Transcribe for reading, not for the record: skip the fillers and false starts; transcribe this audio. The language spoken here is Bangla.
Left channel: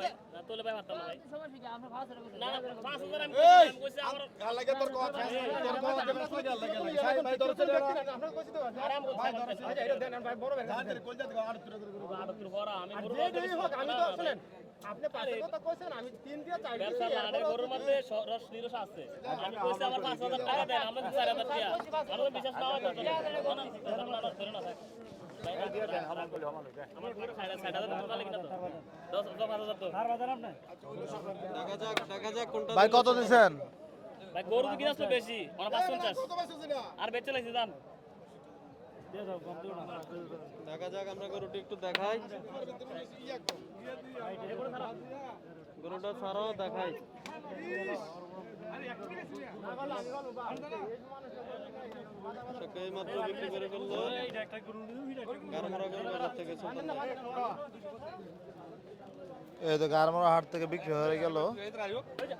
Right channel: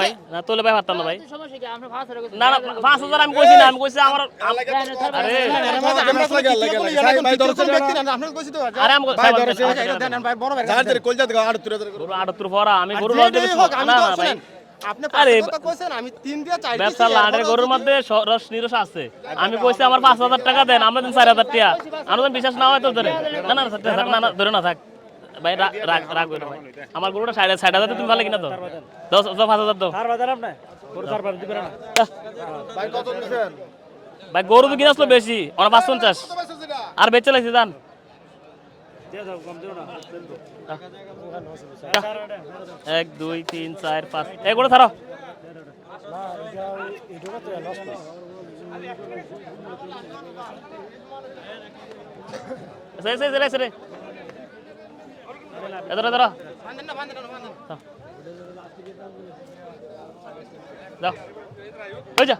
ভাই না তোলে ভাই পারতাম না ভাই না না 5000 আমি কইছি না আমি কইছি আমার আরে আরে আমি ভাই গরু 78 পড়া আমি গরু লজ দেব না না ভাই আপনি আরে কথা কইছেন আমি 3 দিয়ে 4 ব্যবসা লাড়ের গরুর মধ্যে রস নিরস আছে আমি কইছি আমার 5000 টাকা দেন আমরা দেন 4000 টাকা আমরা বিশ্বাস না হয় তো ধরে না না থাক না না ধরে না থাক ভাই রাগ রাগ করো ভাই আমার গরুটা 60,000 তুমি ভালো কিনা তো 5000 দাও ভাই কত দিবেন ভাই গরু তো কিনাসলো বেশি ওনা 550 আর বেচে লাইছি জান 1 2 3 4 5 এই গরু ছাড়ো সে এদরা এই তো গারমারা হাট থেকে বিক্রি হয়ে গেল ওই যা